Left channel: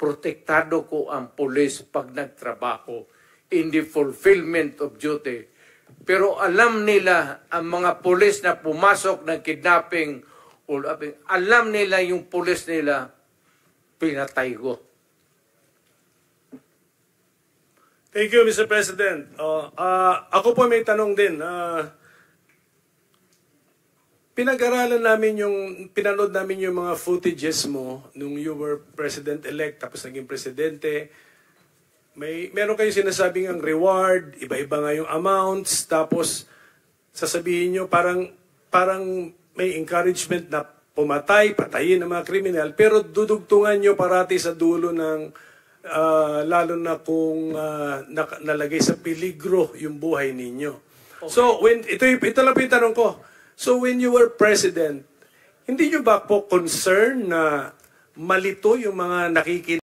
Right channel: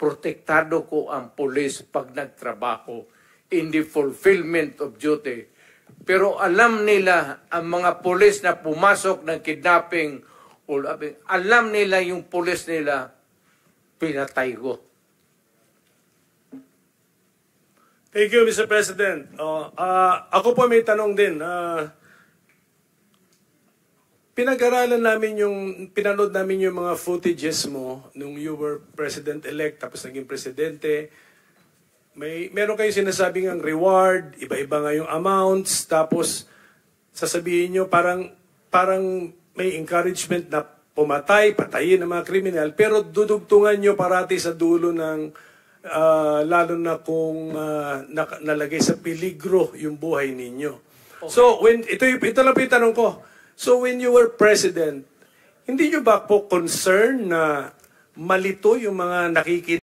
protektado ko ang pulis pag nagtrabaho in the fulfillment of duty. Pero alam nila, ang mga pulis na pumasok ng kidnapping, alam nila yung pulis nila, pinatay ko. Thank you, Mr. President. Ako po may tanong din. Pinag-aralan namin pinanood namin yung mga footages mo nung you were President-elect tapos naging Presidente. Meron kayong sinasabing ang reward, iba-iba nga yung amounts, tapos sasabihin nyo parang may encouragement na patayin ng mga kriminal, pero dudugtungan nyo parati sa dulo ng lalo na kung nalagay sa peligro yung buhay ninyo. Okay. So, ito lang po yung tanong ko. So, when you were President, hindi nyo ba po concern na malito yung mga nakikita